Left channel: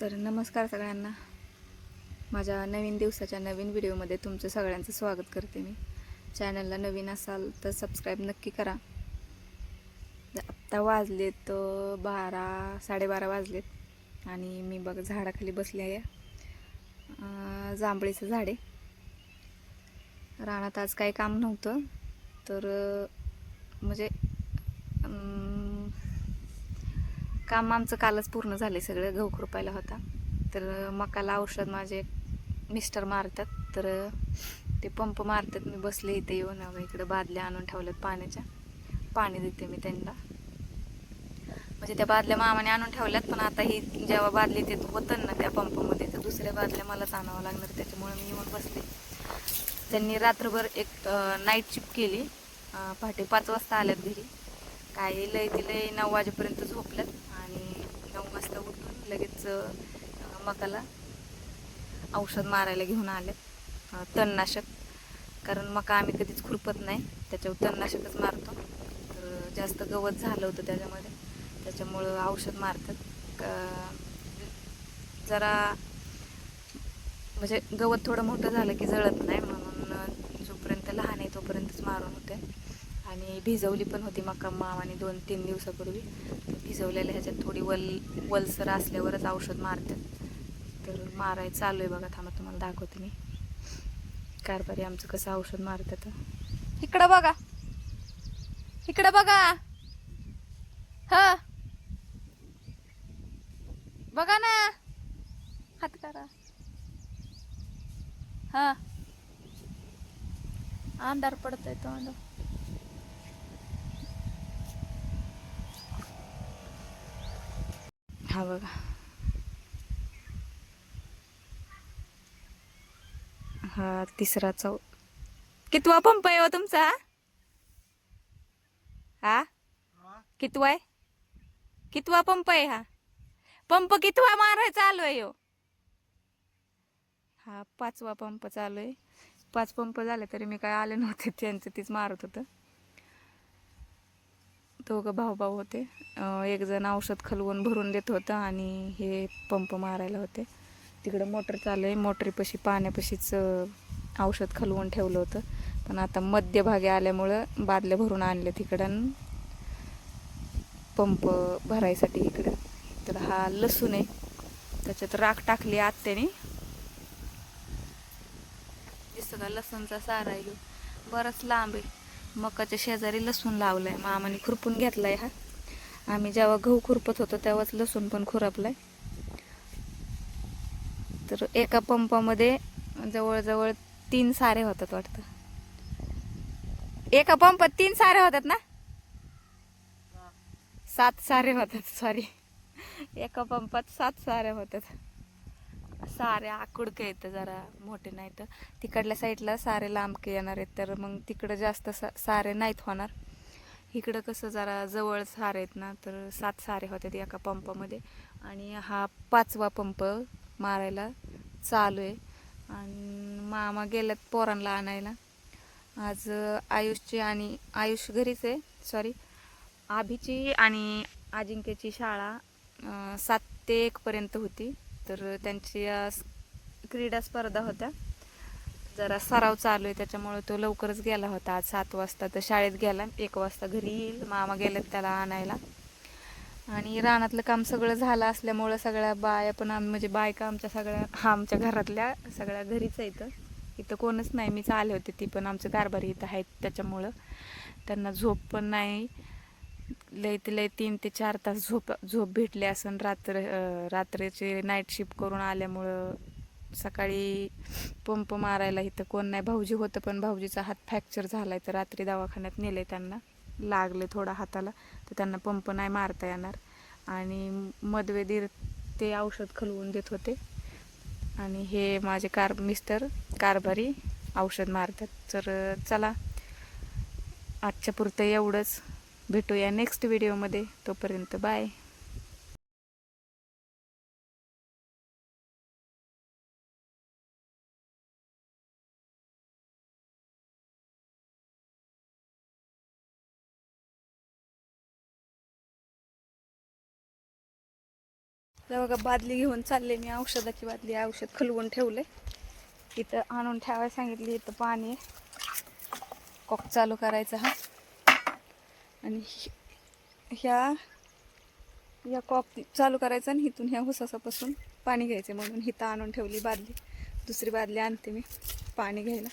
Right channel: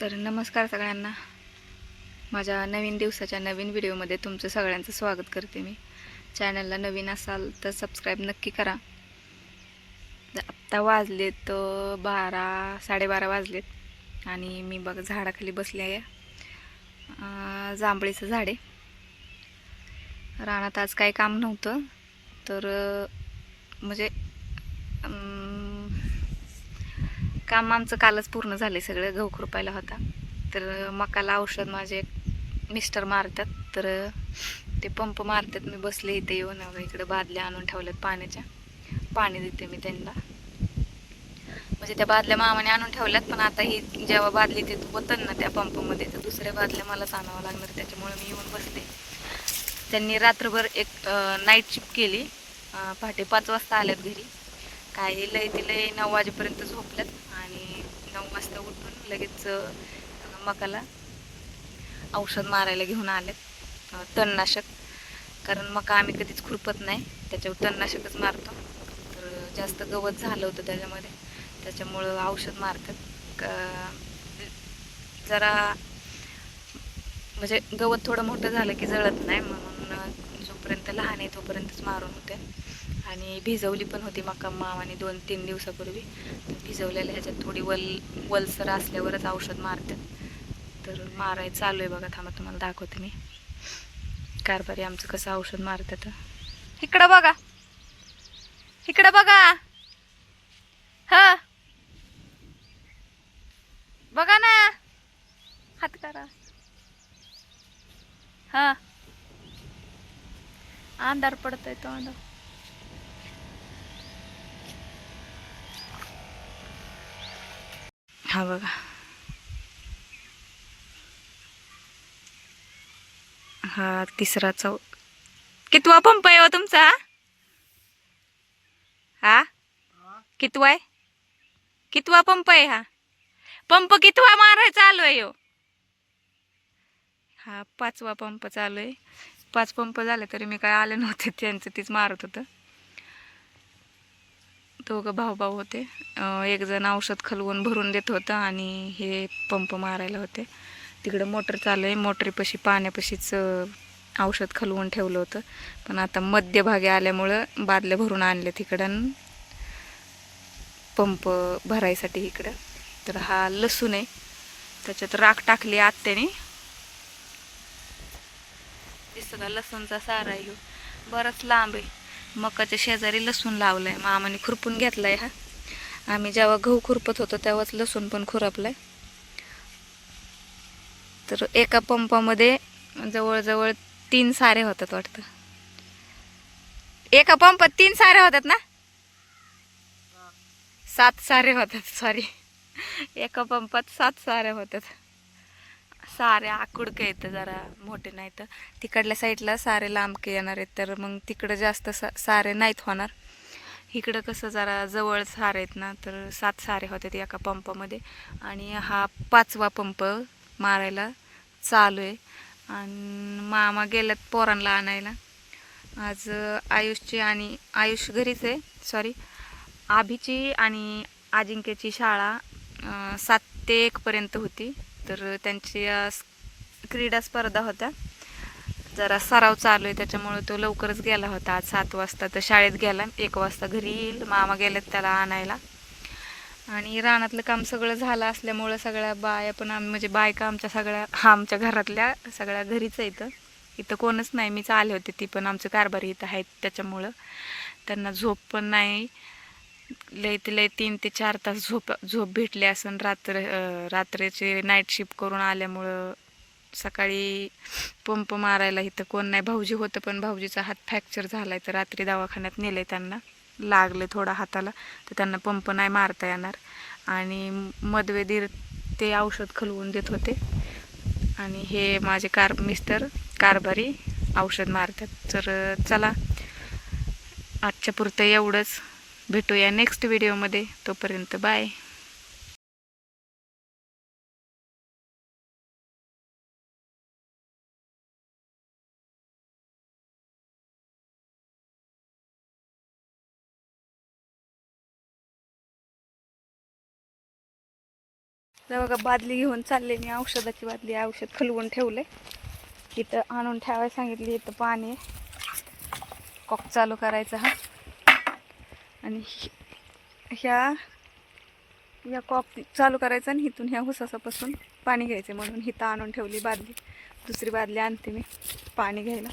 तर नमस्कार सगळ्यांना. माझ्या नवीन दिवसाच्या नवीन व्हिडिओमध्ये तुमचं सगळ्यांचं स्वागत करते मी. चॅनलला नवीन असाल तर सबस्क्राईब नक्की करा. आत्ता वाजलेत तर बारा साडेबारा वाजलेत आणि मी बघ झाडाखाली बसले आहे. जांभळीचं झाड आहे. रानात आज काही काम नव्हतं तर म्हणजे काम आमचं कालच पूर्ण झाले सगळं. गहू खुरपायला होता. तर मकाला औषध माझे मिस्टर मारतात. तर ते पंप मारतात. मी बसले इथे येऊन. इकडं इकडे बादल्या आणून ठेवल्यात पाण्याच्या. पाणी देते मी त्यांना. म्हणजे त्या बादल्या मामाने आणून ठेवल्यात पण आता ही जेव्हा बादली ते होतं ना त्या पंपामध्ये तर दुसऱ्या बादल्या मलाच आणावं लागणार. त्याच्यामुळे मी येऊन बसले. त्यांनी रात्रभर एक नाईट शिफ्ट केली. पहाटे पाच वाजता आल्यात घरी. काय लय ती लय नऊ वाजेपर्यंत झोपल्यात आणि नऊ वाजता उठून लगेच मकाला औषध मारायला घेऊन आलेत तणनाशक. कारण मका आम्ही कधीच खुरपत नाही त्याच्यावर तणनाशकच मारतो. तर जास्त गवत झालं होतं त्याच्यामध्ये त्याच्यामुळं औषध मारतात. का जरा म्हणजे गवत थोडं मोठं झालं की जळत नाही म्हणून जोपर्यंत लहान आहे तोपर्यंतच मारून होते. आणि भिजवली पण होती मका मामाने दोन तीन दिवसापूर्वी. तर भिजवलेल्या ह्याच्यात थोडी वल वलसर असल्यावरच औषध मारतात. तर माराय चालू आहे बघा थांबा तुम्हाला दाखवते मी. कारभारी आमचं कसं औषध मारतात. इकडं बघा. इकडं बघा. ह. बघा ना. हात करा. हा. अंधार पडतोय तो हा बघा. हा तिसरा चौ कितवा पंप आहे हो तुमचा? हा? कितवा आहे? कितवा पंप आहे हा? पंप कितवा माराय चालू आहे हो? हा पाचवा पंप चालू आहे. पाच पंप झाले तरी मी काय आले नव्हते त्यांचं तीच मारत होतं. दोघं भाऊ भाऊ होते एकजण औषध खलवून भरून देत होतं आणि हे पंप मारायला होते. तिकडं मोटर चालू आहे. मोटरीपाशी पाण्यापाशीच औषध खलवून ठेवलं होतं. पण आता मध्यभागी आल्यामुळं बादल्या भरून आणले तिकडं पंप भरायसाठी इकडं. तर हा लसूण आहे. त्याच्यात राख टाकली आत्याने. दिसत लसूणचा सारा आहे. बराच लांब आहे. मकाच्या शेजारी लसूण लावलाय. मामाने खुरपून घेतलाय हा. आम्ही जेव्हा गहू खुरपत होतो तेव्हाच लसूण पण खुरपलाय. तर एका पंपामध्ये जवळजवळ तीन सारे होतात वाटतं. एका पंपात तीन सारे होतात ना? सात सारे होतात सॉरी एका पंपात सात सारे होतात. सारे आकुडके येतं जरा मोठे नाही तर. तिकडल्या साईडला सारे लांबके येणार आहेत तर मग तिकडं जास्त सा सारे नाहीत होणार. इकडं कसं जरा जवळ सारे आहेत ना तर सात सारे होतात एका पंपामध्ये. आणि हा पाचवा पंप मारायला चालू आहे. आणि मामा गेल्यात पोरांना आणायला. आज आयुषची आणि आयुष घरीच आहे सॉरी आभीची आणि अजिंक्यची शाळा सात ते एकपर्यंत होती. तर त्यांची क्रीडा स्पर्धा होत्या. जरा सराव चालू आहे त्याच्यामुळे तो लवकरच गेला होता. आज सात वाजता तर शाळेत गेला. एक वाजता घरी येईल. मामा गेलेत त्याला आणायला. आणि रानातलं काम सगळं झालं असल्यामुळं सगळ्या बाया पण आम्ही म्हणजे बायका आमच्या सगळ्या आमच्या घरातल्या सगळ्या घरीच आहे इथं. इथं कोणच नाही. मीच आले होते. ती पण आमचं कारभारी इथं आहेत त्याच्यामुळं. त्यांना झोप पण नाही. लय ते लय तीन ते चार तास झोप झोप भेटली असं रात्र रात्रीचे नाईट शिफ्ट करून आल्यामुळं सकाळी पंप मारायला इथं कोण नाही. भाऊजी होतं पण भाऊजीचा हात फ्रॅक्चर आहे तर रात्री दवाखान्यात नेले त्यांना. लागले थोडा हाताला तर त्यांना पंप नाही मारता येणार. आणि मधवेदीर ते औषध खलवून देत होते. आणि हे माझे कार मिस्टर कारभारी औषध मारतात. तर चला आजच्या पुरतं एवढंच. भेटूया नेक्स्ट व्हिडिओमध्ये तोपर्यंत बाय बघा बादली घेऊन चालले मी औषधाची बादली औषध खलवून ठेवले. इथं आणून ठेवायला सांगितली इथं पाणी कॉक चालू करायचा हा. आणि ह्या या कॉक चालू करायचं आणि इथून ह्या हुसासापासून पाणी घ्यायचं म्हणून हिथं आणून ठेवली बादली. दुसरी बादली आणते मी पाणी घ्यायला.